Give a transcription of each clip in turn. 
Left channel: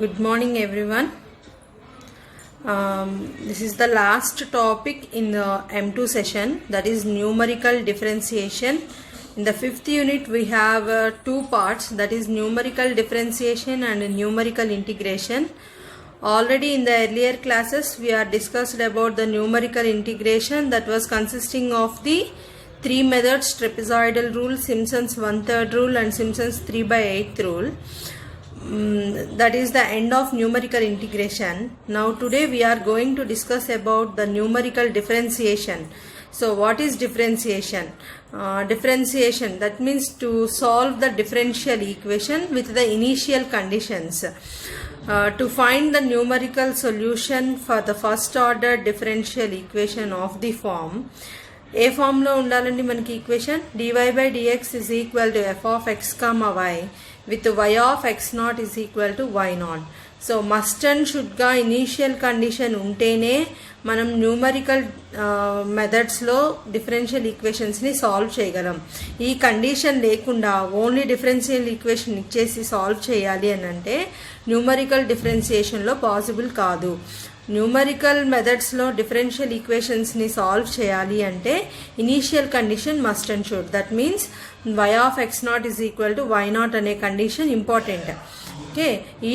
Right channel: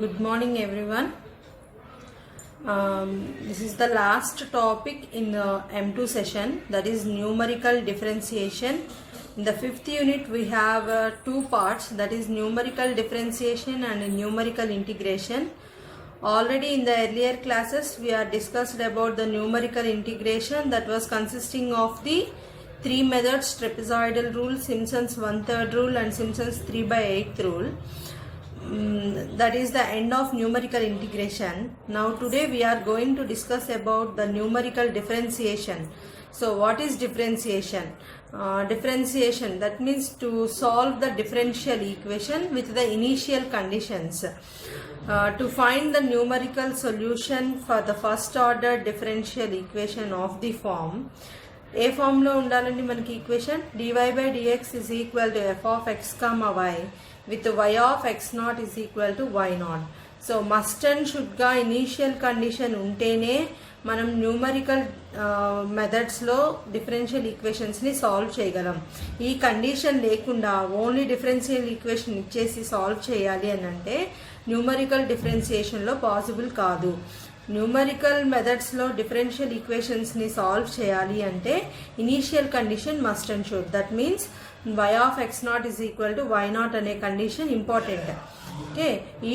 Good morning, everyone. This is the last topic in the M2 session, that is numerical differentiation. In the fifth unit, we have two parts, that is numerical differentiation and numerical integration. Already in the earlier classes, we are discussed about the numerical integration that was consisting of the three methods: trapezoidal rule, Simpson's 1/3 rule, and Simpson's 3/8 rule. That is the end of numerical integration. Now today we are going to discuss about the numerical differentiation. So what is differentiation? Differentiation, that means to solve the differential equation with the initial conditions. To find the numerical solution for the first order differential equation of the form, ఏ ఫామ్లో ఉండాలండి మనకి equation? dy/dx is equal to f of x comma y with y of x naught is equal to y naught. So must and షుడ్గా initial condition ఉంటేనే మనం numerical మెథడ్స్లో differential ఈక్వేషన్స్ని solve చేయగలం. ఈ కండిషన్ లేకుండా ఓన్లీ డిఫరెన్షియల్ ఈక్వేషన్ ఇచ్చేసి solve చేయాలి అని అంటే న్యూమరికల్ డిఫరెన్షియేషన్లో పాసిబుల్ కాదు. న్యూమరికల్ మెథడ్స్లో డిఫరెన్షియల్ ఈక్వేషన్స్ని సాల్వ్ చేయాలి అంటే initial condition must and should. That means y of x naught is equal to y naught అనే కండిషన్ ఇంపార్టెంట్. ఓకే, ఈ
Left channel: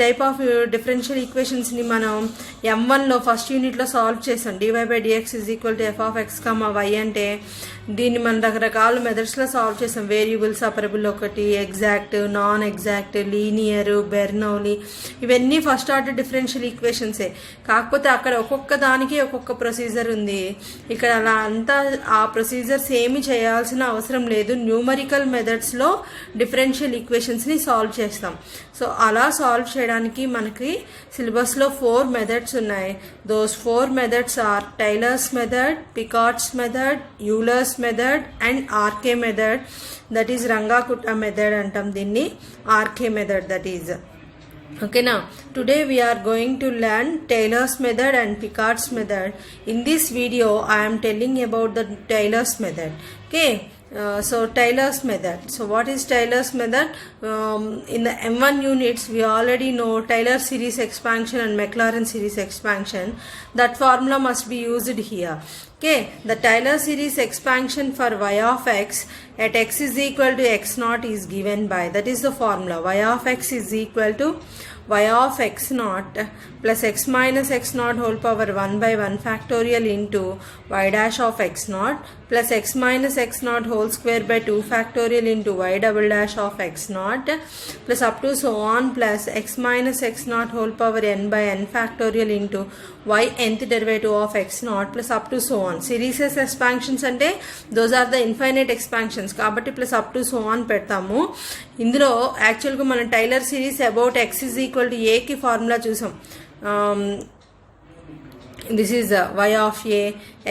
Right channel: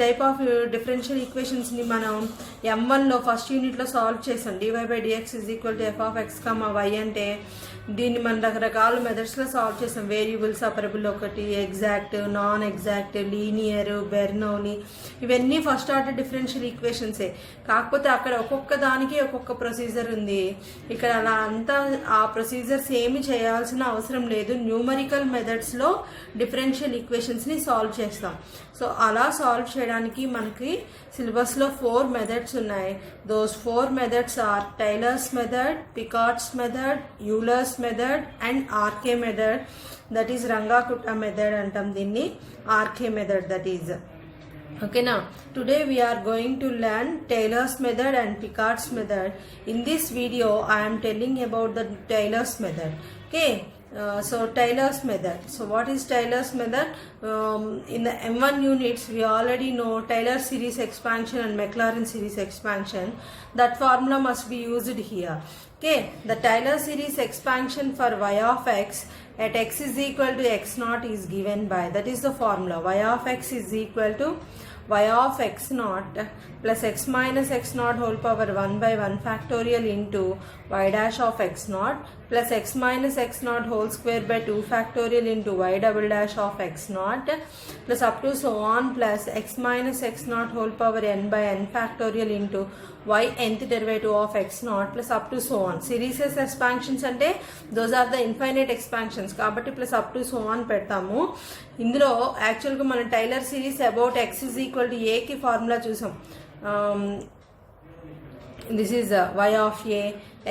టైప్ ఆఫ్ డిఫరెన్షియల్ ఈక్వేషన్స్ని మనం M1లో ఫస్ట్ యూనిట్లో సాల్వ్ చేసాం. dy/dx is equal to f of x comma y అంటే దీన్ని మనం రకరకాల మెథడ్స్లో solve చేసాం. వేరియబుల్ సపరబుల్ ఒకటి, exact, non exact, linear, Bernoulli, ఇవన్నీ ఫస్ట్ ఆర్డర్ డిఫరెన్షియల్ ఈక్వేషన్సే. కాకపోతే అక్కడ ఒక్కొక్క దానికి ఒక్కొక్క ప్రొసీజర్ ఉంది. ఇక్కడ అలా అంతా ఆ ప్రొసీజర్స్ ఏమి చేయాల్సిన అవసరం లేదు. న్యూమరికల్ మెథడ్స్లో డిఫరెన్షియల్ ఈక్వేషన్స్ని సాల్వ్ చేస్తాం. సో అలా సాల్వ్ చేయడానికి మనకి సిలబస్లో 4 మెథడ్స్ ఉన్నాయి. Those 4 methods are Taylor's method, Picard's method, Euler's method and RK method. That is Runge Kutta method అంటాం దీన్ని, RK method that is. Okay, now today we are going to learn Taylor's method and Picard's method. In this video I am telling about the Taylor's method. Okay, so Taylor's method. So what is Taylor's method? In the M1 units we already know Taylor series expansion and Maclaurin series expansion. That formula must be used here. Okay, the Taylor series expansion for y of x at x is equal to x naught is given by, that is the formula, y of x is equal to y of x naught plus x minus x naught whole power 1 by 1 factorial into y dash of x naught plus x minus x naught whole square by 2 factorial into y double dash of x naught plus up to so on plus x minus x naught whole power n by n factorial into y nth derivative of x naught plus up to so on. Series expansions అంటే those are the infinite expansions కాబట్టి plus up to so on పెడతాము. ఇందులో యాక్చువల్గా మనం Taylor series about x is equal to a కి formula చూసాం. This is y of a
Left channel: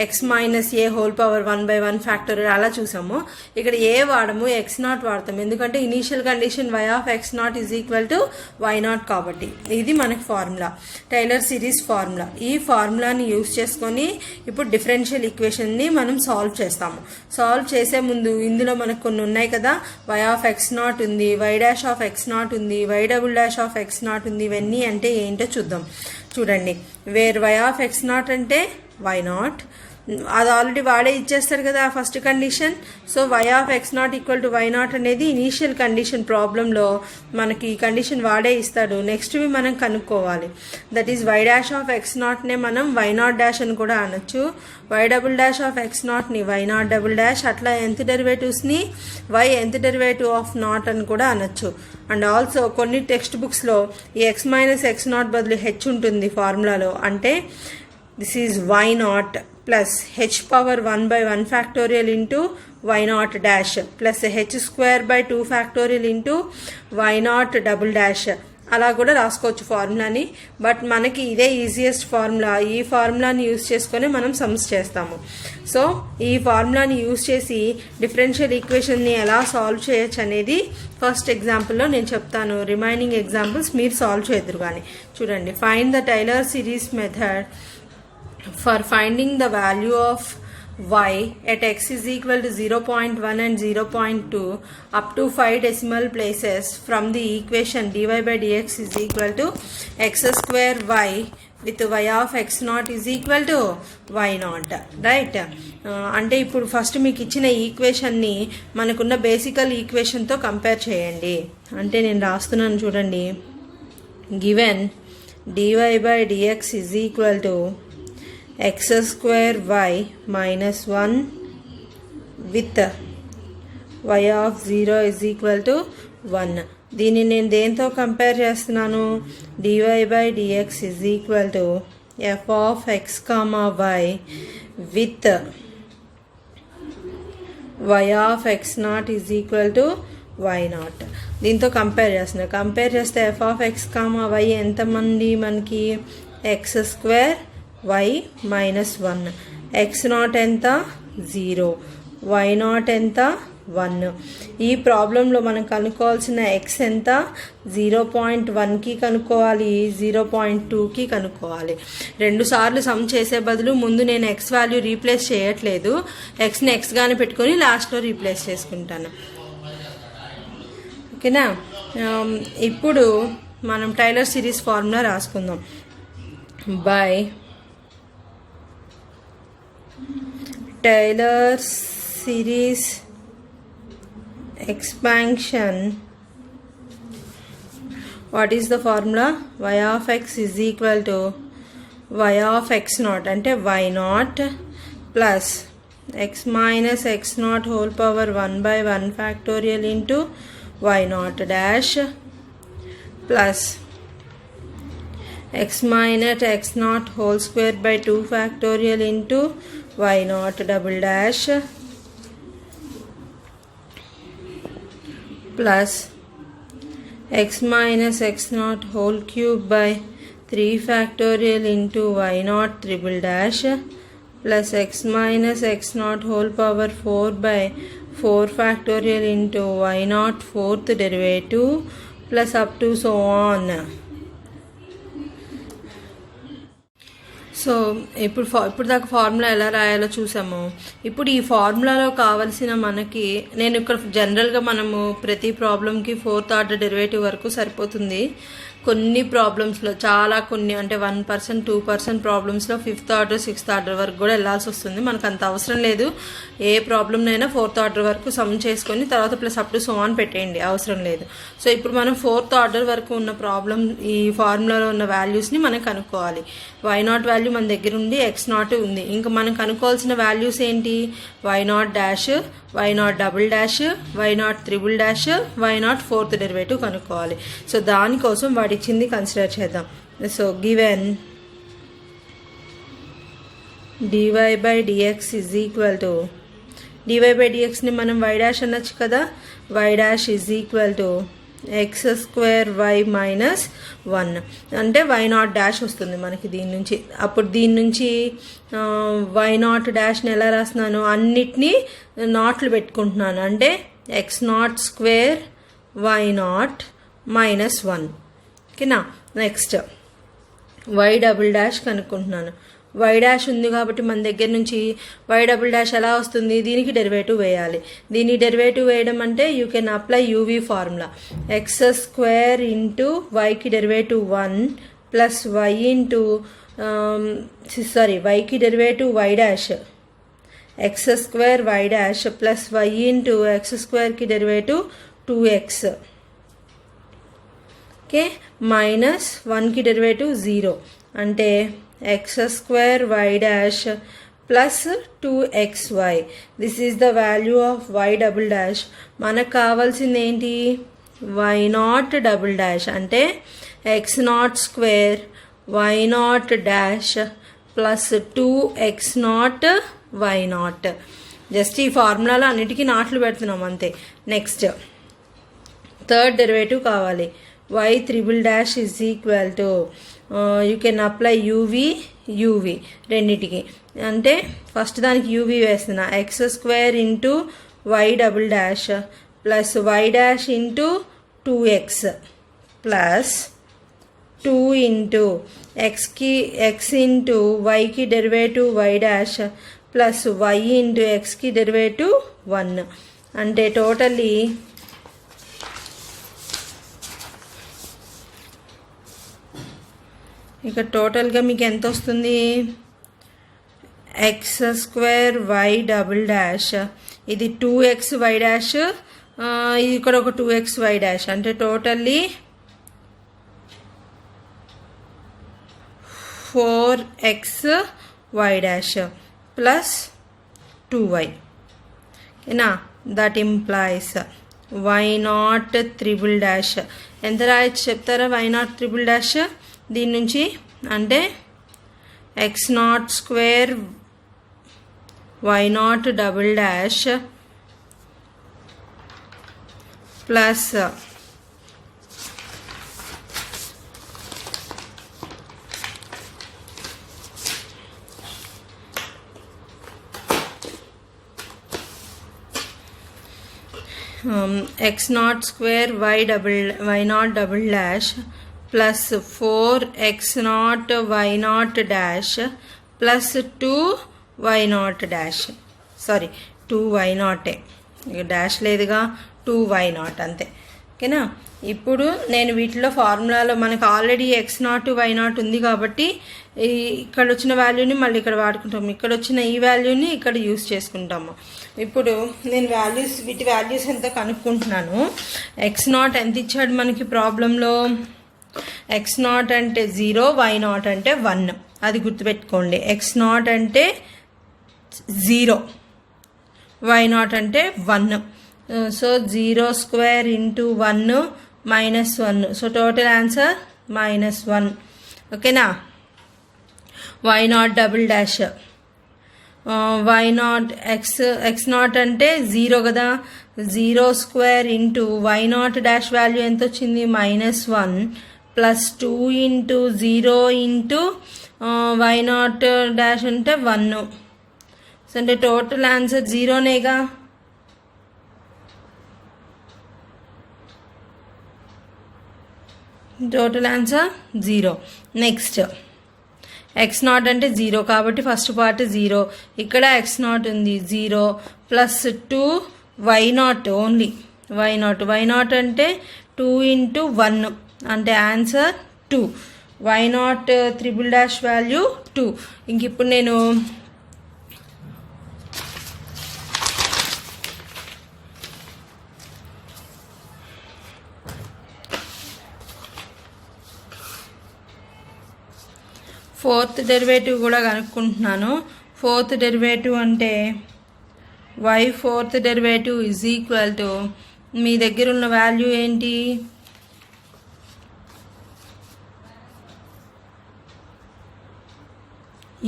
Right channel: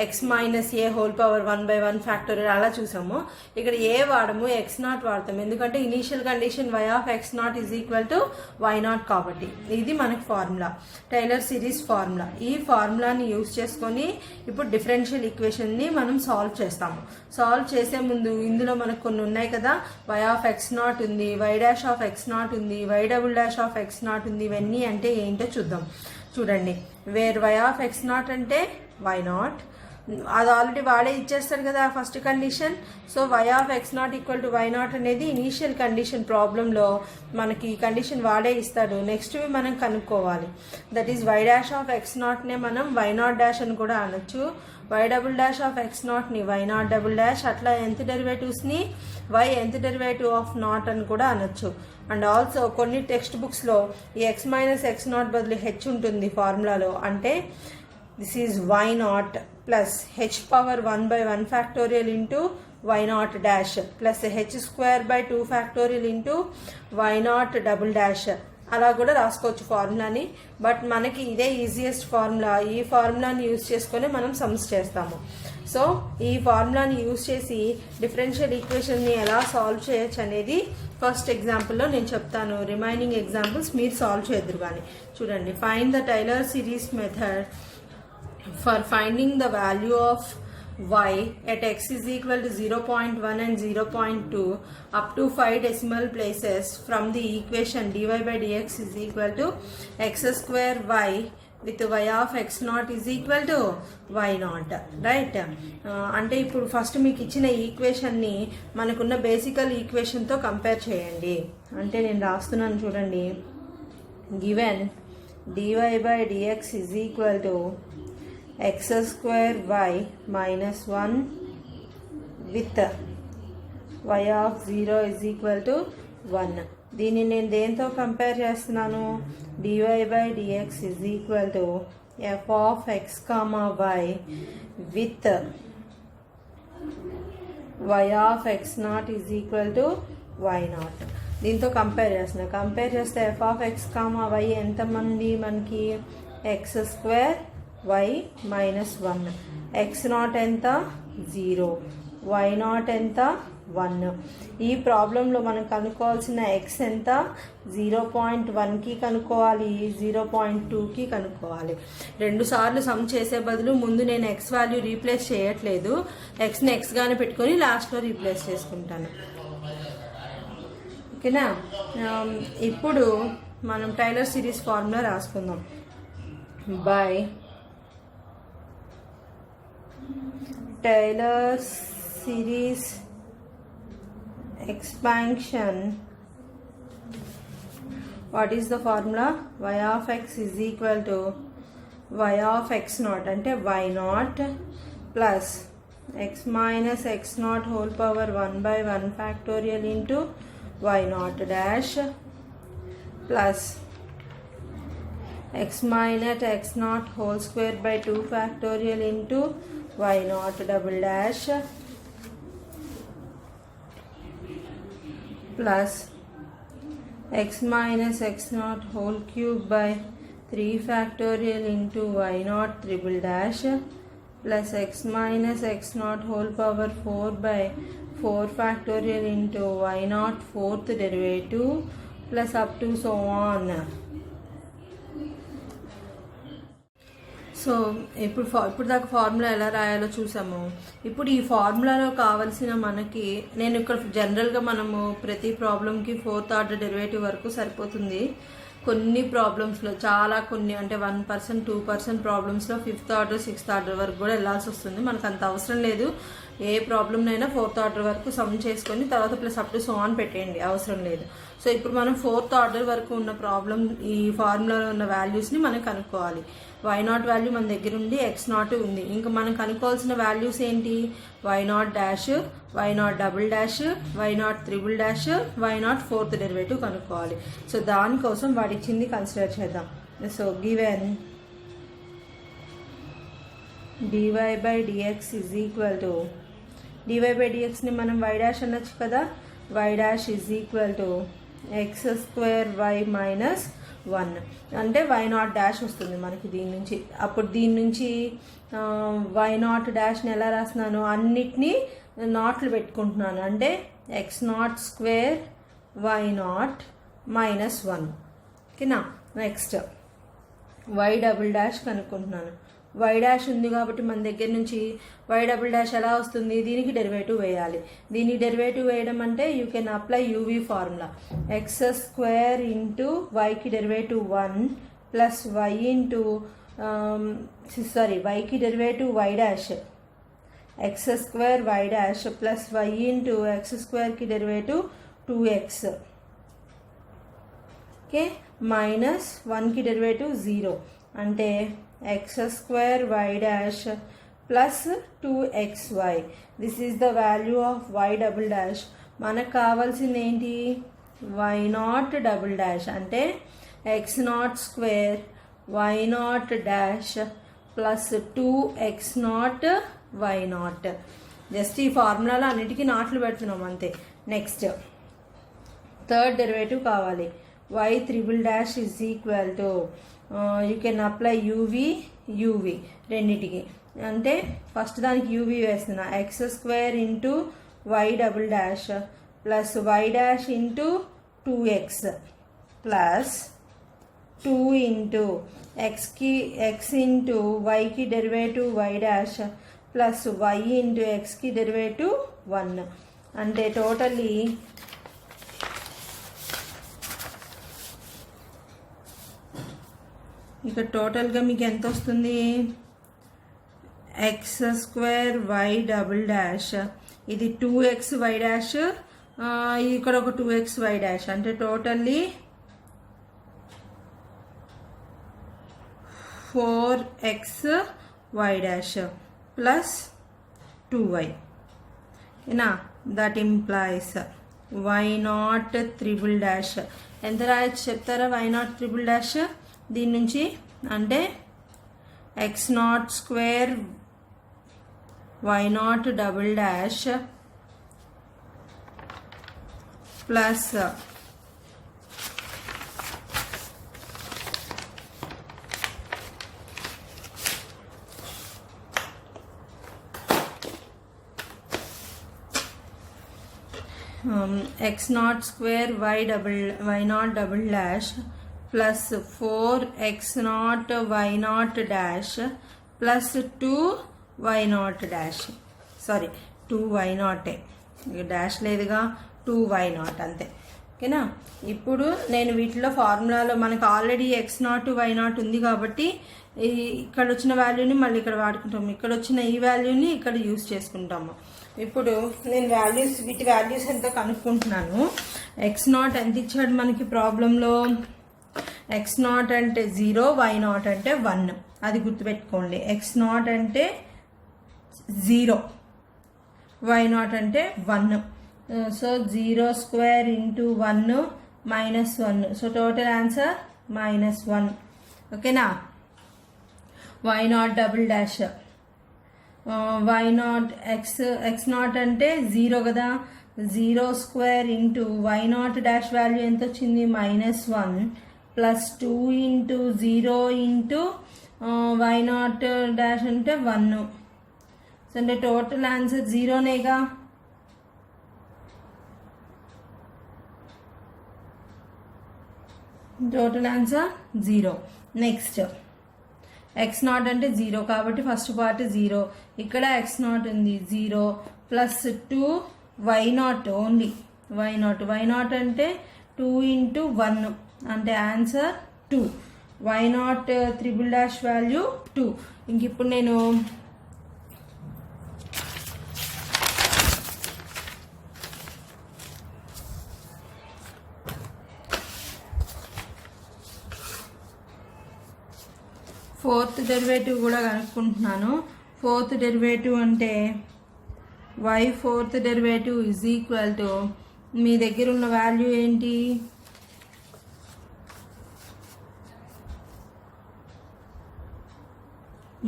x minus a whole power 1 by 1 factorial అలా చూసాము. ఇక్కడ ఏ వాడము, x నాట్ వాడతాం, ఎందుకంటే initial condition y of x naught is equal to y naught కాబట్టి. ఇది మనకి ఫార్ములా, టైలర్ సిరీస్ ఫార్ములా. ఈ ఫార్ములాని యూజ్ చేసుకొని ఇప్పుడు డిఫరెన్షియల్ ఈక్వేషన్ని మనం సాల్వ్ చేస్తాము. సాల్వ్ చేసే ముందు ఇందులో మనకు కొన్ని ఉన్నాయి కదా, y ఆఫ్ x నాట్ ఉంది, y dash of x naught ఉంది, y double dash of x naught ఉంది. ఇవన్నీ అంటే ఏంటో చూద్దాం. చూడండి, where y of x naught అంటే y నాట్, అది ఆల్రెడీ వాడే ఇచ్చేస్తారు కదా first condition. So y of x naught equal to y naught అనేది ఇనీషియల్ కండిషన్. ప్రాబ్లంలో మనకి ఈ కండిషన్ వాడే ఇస్తాడు. నెక్స్ట్వి మనం కనుక్కోవాలి. That is y dash of x నాట్నే మనం y నాట్ డాష్ అని కూడా అనొచ్చు, y double dash of x నాట్ని y not double dash, అట్లా nth డెరివేటివ్స్ని y nth derivative of not అని కూడా అనొచ్చు. అండ్ ఆల్సో కొన్ని టెక్స్ట్ బుక్స్లో ఈ x మైనస్ x నాట్ బదులు h ఉంటుంది ఫార్ములాలో. అంటే this is y not plus h power 1 by 1 factorial into y not dash plus h square by 2 factorial into y not double dash. అలా కూడా రాసుకోవచ్చు ఫార్ములాని. But మనకి ఇదే ఈజియెస్ట్ ఫార్ములా. ఈ ఫార్ములాని use చేసుకొని మనం సమ్స్ చేస్తాము. సో ఈ ఫార్ములాని యూజ్ చేసి డిఫరెన్షియల్ ఈక్వేషన్ని ఎలా సాల్వ్ చేయొచ్చు అనేది ఫస్ట్ ఎగ్జాంపుల్లో నేను చెప్తాను. రిమైనింగ్ ఎగ్జాంపుల్స్ మీరు సాల్వ్ చేద్దరు కానీ. చూడండి, find the Taylor series method for finding the value of y at x is equal to 0.1 and 0.2 up to 5 decimal places from the equation dy by dx is equal to x square y with y of x naught is equal to y naught, right. అంటే ఇప్పుడు first మీకు ఇచ్చిన ఈక్వేషన్ని మనకున్న బేసికల్ ఈక్వేషన్తో compare చేయండి. అంటే నేను రాస్తున్నాను చూడండి. Given dy by dx is equal to x square y minus 1 with y of 0 is equal to 1. దీన్ని నేను దేంతో కంపేర్ చేస్తున్నాను? dy by dx is equal to f of x comma y with y of x naught is equal to y naught. దీంతో compare చేస్తున్నా. Compare చేస్తే f of x comma y ఎంతమంది మనకి x square y minus 1. x not ఎంత? 0. y not ఎంత? 1. ఈ ప్రాబ్లంలో మనం కనుక్కోవాల్సిన x ఎంత? 0.1కి కనుక్కోవాలి, 0.2కి కనుక్కోవాలి. 2 సార్లు సమ్ చేసే బదులు ముందు నేను x వాల్యూ రీప్లేస్ చేయట్లేదు, xని xగానే పెట్టుకొని లాస్ట్లో రీప్లేస్ చేసుకుంటాను. ఓకేనా? ఇప్పుడు మనం టైలర్ సిరీస్ ఫార్ములా రాసుకుందాం. By Taylor series expansion, what is the formula? y of x is equal to y of x naught అంటే y naught plus x minus x naught whole power 1 by 1 factorial into y naught dash plus x minus x naught whole square by 2 factorial into y naught double dash plus x minus x naught whole cube by 3 factorial into y naught triple dash plus x minus x naught whole power 4 by 4 factorial into y naught fourth derivative plus up to so on. So ఇప్పుడు దాకా formula ఎలా రాయాలో చూసాము. ఇప్పుడు ఈ ఫార్ములాలో కావలసిన మనకి, నేను ఇక్కడ జనరల్గా మనము ప్రతి ప్రాబ్లంకి 4th ఆర్డర్ డెరివేటివ్ వరకు సరిపోతుంది. కొన్ని ప్రాబ్లమ్స్లో కొన్ని అంటే 1%, 2% ప్రాబ్లమ్స్లో 5th ఆర్డర్ 6th ఆర్డర్ వరకు కూడా వెళ్ళాల్సి వస్తుంది. మనకు అంత అవసరం లేదు. ఏ ప్రాబ్లంనైనా 4th ఆర్డర్ వరకు సమ్ చేసుకొని తర్వాత plus up to so on పెట్టేయండి, అవసరం లేదు. సో ఇప్పుడు మనం 4th ఆర్డర్ వరకు ఉన్న ప్రాబ్లం ఈ ఫార్ములాలో ఉన్న వాల్యూస్ని మనం కనుక్కోవాలి. వై నాట్ వాల్యూ మన దగ్గర ఉంది, ఎక్స్ నాట్ ఉంది. ఇంకా మనం కనుక్కోవాల్సిన వాల్యూస్ ఏంటి? Y naught dash, y naught double dash, y naught triple dash, y naught fourth derivative కనుక్కోవాలి. సో దానికోసం వాటి ఇచ్చింది కన్సిడర్ చేద్దాం. So given dy by dx is equal to, dy by dxని మనం y డాష్ అనొచ్చు కదా. y dash is equal to x square y minus 1 అంటే వై నాట్ డాష్ వస్తుంది మనకి దీని నుంచి. అప్పుడు దీని నుంచి వై నాట్ డాష్ని ఎలా రాస్తున్నాను? అన్నిటినీ నాట్లు పెట్టుకుంటున్నాను. అంటే x naught square y naught minus 1. ఓకేనా? నెక్స్ట్ వై డబుల్ డాష్ కనుక్కుంటున్నాను. వై డాష్ ఉంది కాబట్టి మన దగ్గర నుంచి వై డబుల్ డాష్ ఎలా వస్తుంది? దీనికి డెరివేటివ్ వేయాలి. దీనికి డెరివేటివ్ వేయడం అంటే you can apply UV formula. X square into వైకి డెరివేటివ్ 1 ప్లస్ వై ఇంటూ వైకి derivative y dash, x square y dash plus y into x స్క్వేర్కి డెరివేటివ్ 2x. ఓకే, మైనస్ 1కి డెరివేటివ్ 0 అంటే x square y dash plus 2xy. This is the value of y double dash. మనకు కావాల్సింది ఏంటి? Y naught double dash అంటే x naught square y naught dash plus 2x not y naught. Just ఈ ఫార్ములాలో అన్నిటికీ నాట్లు పెడుతున్నాం అంతే. నెక్స్ట్ థర్డ్ డెరివేటివ్ కావాలి. y triple dash is equal to you can apply uv రెండిటికి. అంటే ఫస్ట్ దానికి యూవీ వేస్తున్నా. X square into y double dash plus y dash into 2x plus 2 into ఎక్స్కి ఎక్స్ ఇంటూ వైకి derivative y dash plus y into ఎక్స్కి derivative 1 అంటే totally ఇక టోటల్గా మీకు ఎంత వస్తుంది x square y double dash ఇది 2x వై డాష్ ఇది ఇక్కడ ఒక 2x వై డాష్ అంటే totally 4x y dash plus 2y ఓకేనా that implies y naught triple dash ఎంత రాయొచ్చు చెప్తారా వై నాట్ త్రిబుల్ డాష్ దీని నుంచి అంటే x naught square y naught double dash plus x naught square y naught double dash plus 4x naught y naught dash plus 2y naught dash sorry 2y naught dash లేదుగా 2y naught అంతే ఓకేనా ఇప్పుడు నేను వీటిలో ఫార్ములాలో మనకు already x not y not ఉంది కాబట్టి ఇక్కడ వచ్చిన వాల్యూని మళ్ళీ ఇక్కడ వాడుకుంటాము ఇక్కడ వచ్చిన ఈ వాల్యూని ఇక్కడ యూస్ చేసుకుంటాము ఇప్పుడు నేను వీటి వాల్యూస్ ఎంత కనుక్కుంటున్నాను ఎక్స్ నాట్ ఎంత ఇచ్చాడు మనకి ప్రాబ్లంలో ఎక్స్ నాట్ అంటే 0 వై నాట్ అంటే 1 అది గుర్తుపెట్టుకోండి ఎక్స్ నాట్ అంటే 0 వై నాట్ అంటే 1 so 0 square into 1 minus 1 so total answer -1 ఓకేనా y naught double dash y naught x naught అంటే 0 కదా 0 square into y naught dash value ఎంత వచ్చింది -1 plus 2 into 0 into y naught dash అంటే 1 so అంటే total answer 0నేగా total answer 0 next x naught అంటే 0 కాబట్టి ఫస్ట్ పార్ట్ 0 ఇక్కడ ఎక్స్ నాట్ ఉంది 0 plus 2 y naught only y naught అంటే 2 ఇంటూ 1 అంటే answer 2 y naught triple dash value 2 ఇంక ఇప్పుడు నేను ఫోర్త్ డెరివేటివ్ కూడా కనుక్కుంటున్నాను ఫోర్త్ డెరివేటివ్ అంటే y fourth derivative is equal to మీ దగ్గర ఉన్న వాల్యూ ఏంటి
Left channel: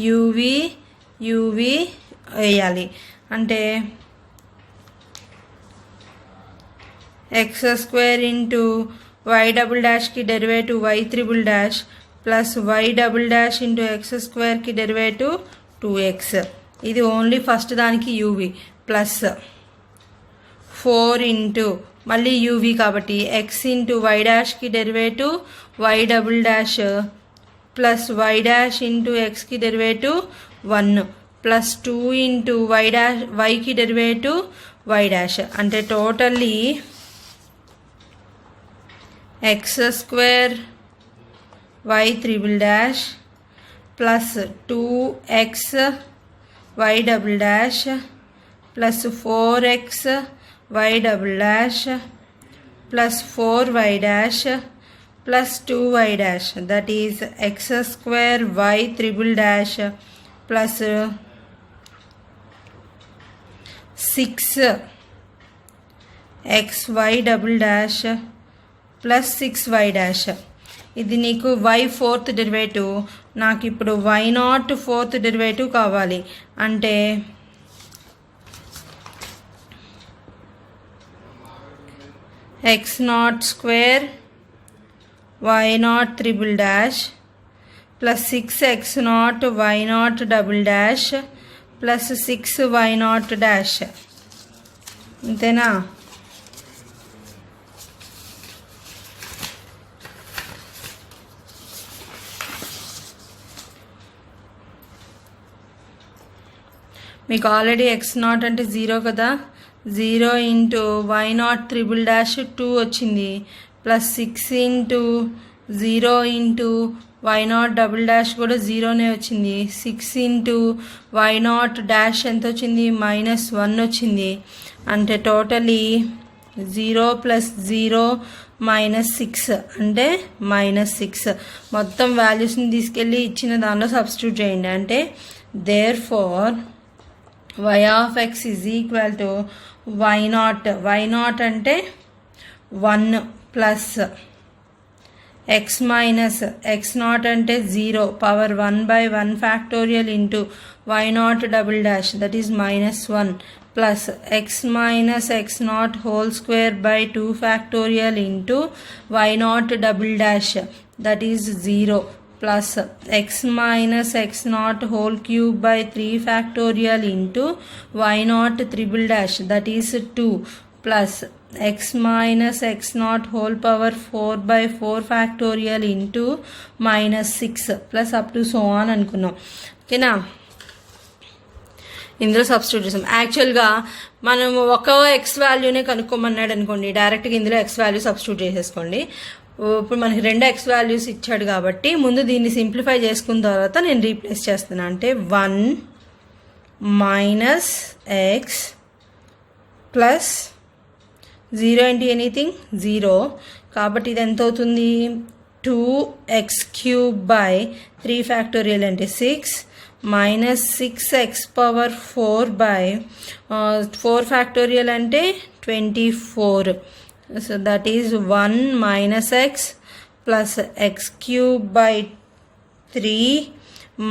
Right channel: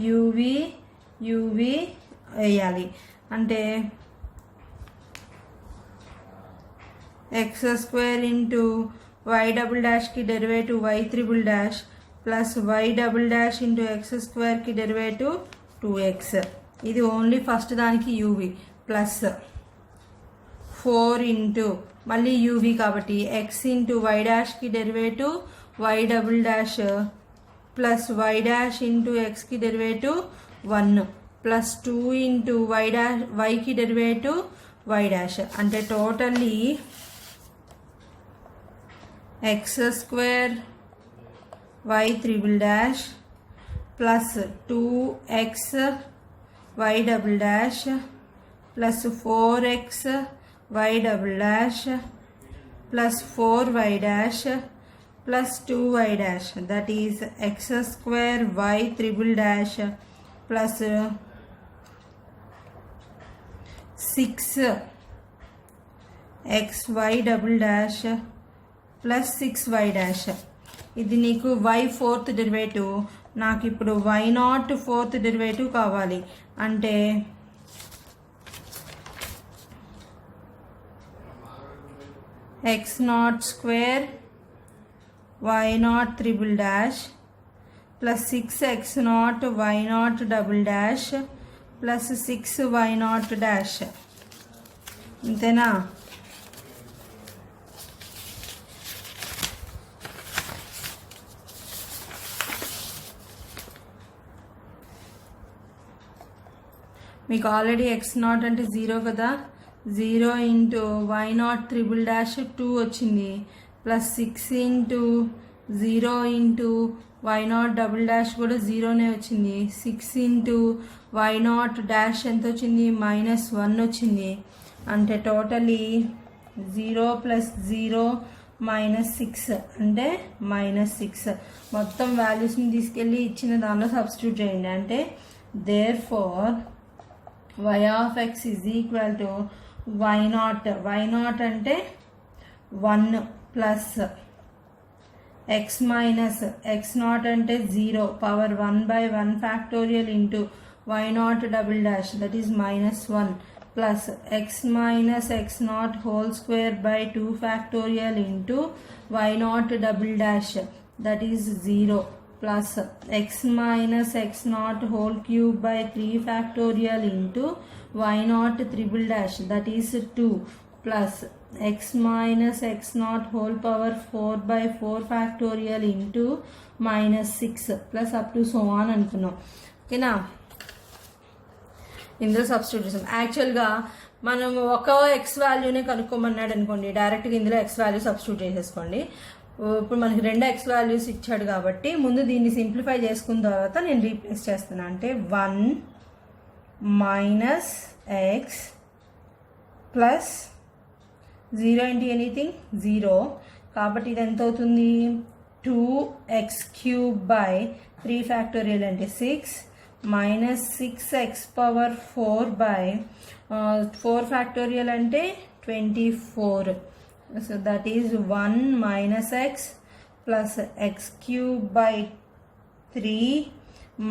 యూవి వేయాలి అంటే x square into y double డాష్కి derivative y triple dash plus y double dash into x స్క్వేర్కి డెరివేటివ్ 2x ఇది ఓన్లీ ఫస్ట్ దానికి యూవి ప్లస్ 4 ఇంటూ మళ్ళీ యూవి కాబట్టి ఎక్స్ ఇంటూ వై డాష్కి derivative y double dash plus y dash into ఎక్స్కి derivative 1 plus 2 into వైకి derivative y dash అంటే totally x square y triple dash plus 2x y double dash plus 4x y double dash plus 4y dash plus 2y dash that is x square y triple dash plus 6xy double dash plus 6y dash ఇది నీకు y fourth derivative నాకు ఇప్పుడు y not fourth derivative కావాలి అంటే x naught square y naught triple dash plus 6x naught y naught double dash plus 6y naught dash అంతేనా మీకు already x0 అంటే 0 కదా, 0 ఇంటూ y0 ట్రిపుల్ డాష్ 2 వచ్చింది, plus 6 into 0 into y0 double dash కూడా 0నే వచ్చింది, 6 into y0 dash ఎంత వచ్చింది, -1 వచ్చింది. అంటే టోటలీ 0 ప్లస్ 0 -6 అంటే -6. మొత్తం వాల్యూస్ని తీసుకెళ్ళి ఇచ్చిన దానిలో సబ్స్టిట్యూట్ చేయండి. అంటే therefore y of x is equal to y0 అంటే 1 ప్లస్ x మైనస్ x0 అంటే 0 power 1/1 factorial into y0 double dash that is -1 plus x minus x0 whole square by 2 factorial into y0 double dash that is 0 plus x minus x0 whole cube by 3 factorial into y0 triple dash that is 2 plus x minus x0 whole power 4/4 factorial into -6 plus up to so on అనుకున్నాం. ఓకేనా, ఇందులో substitute చేసాం. యాక్చువల్గా మనం ఒక X వాల్యూనే కనుక్కోమన్నాడు అనుకోండి, డైరెక్ట్గా ఇందులో ఎక్స్ వాల్యూ సబ్స్టిట్యూట్ చేసేసుకోండి. ఇప్పుడు మనకి 2 ఎక్స్ వాల్యూస్ ఇచ్చాడు కాబట్టి ముందు దీన్ని సింప్లిఫై చేసుకున్న తర్వాత నేను రీప్లేస్ చేస్తున్నా. అంటే 1 minus X plus 0 into anything 0, కాబట్టి ఇది ఎంత అవుతుంది, 2x³ బై 3 ఫ్యాక్టోరియల్ అంటే 6 minus 6x power 4 by 4 factorial అంటే 24. So that is 1 minus X plus x³ by 3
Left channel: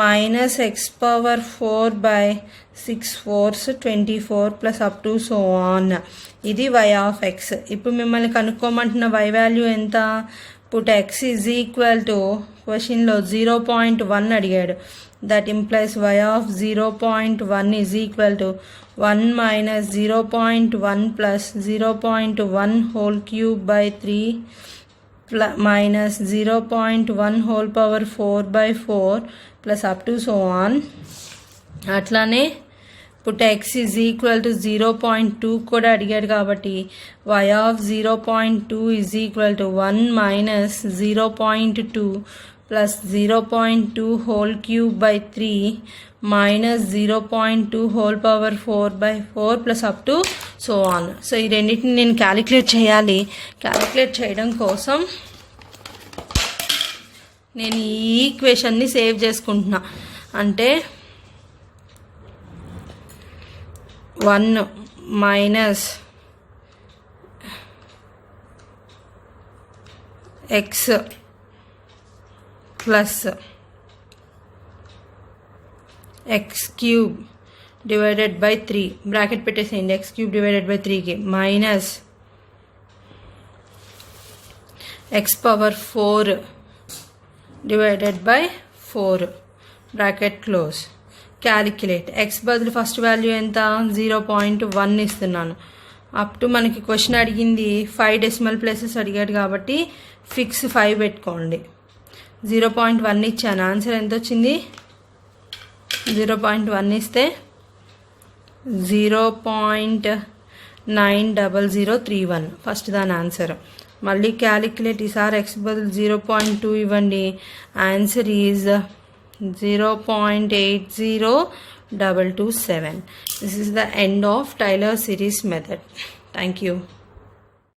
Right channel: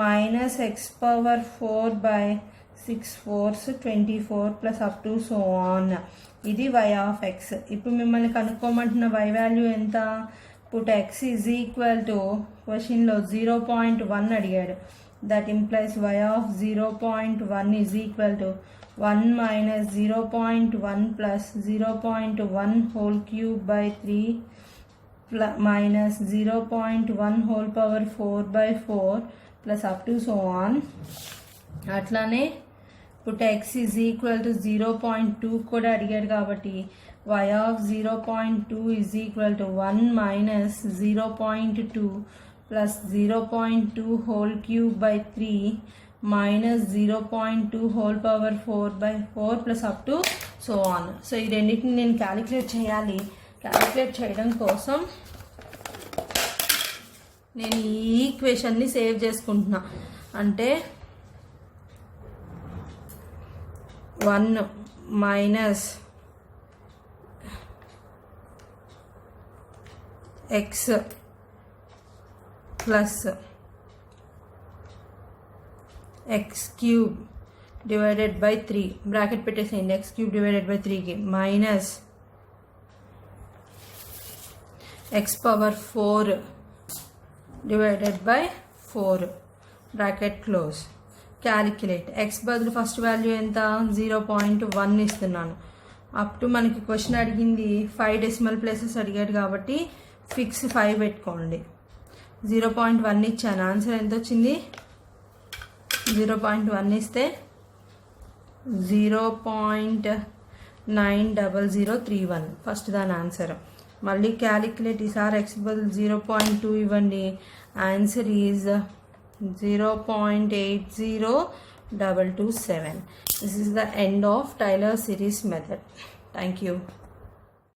minus x power 4 by 6 4s 24 plus up to so on. ఇది y of x. ఇప్పుడు మిమ్మల్ని కనుక్కోమంటున్న y value ఎంత, put x is equal to క్వశ్చన్లో 0.1 అడిగాడు. That implies y of 0.1 is equal to 1 minus 0.1 plus 0.1 whole cube by 3 minus 0.1 whole power 4/4 plus up to so on. అట్లానే put x is equal to 0.2 కూడా అడిగాడు కాబట్టి y of 0.2 is equal to 1 minus 0.2 plus 0.2 whole cube by 3 minus 0.2 whole power 4/4 plus up to so on. So ఈ రెండింటిని నేను calculate చేయాలి. Calculate చేయడం కోసం నేను ఈ ఈక్వేషన్ని సేవ్ చేసుకుంటున్నా. అంటే 1 minus X plus x³ divided by 3 bracket పెట్టేసేయండి, x³ డివైడెడ్ బై 3కి minus x power 4 divided by 4 bracket close. Calculate x బదులు ఫస్ట్ వాల్యూ ఎంత 0.1 ఇస్తున్నాను. అప్ టు మనకి క్వశ్చన్ అడిగింది 5 డెసిమల్ ప్లేసెస్ అడిగాడు కాబట్టి ఫిక్స్ 5 పెట్టుకోండి. 0.1 ఇచ్చాను, ఆన్సర్ ఎంత వచ్చింది, 0.1 ఇస్తే 0.90031 ఫస్ట్ దాని ఆన్సర్. మళ్ళీ క్యాలిక్యులేట్, ఈసారి x బదులు 0.2 ఇవ్వండి, answer is 0.80227. This is the end of Taylor series method. Thank you.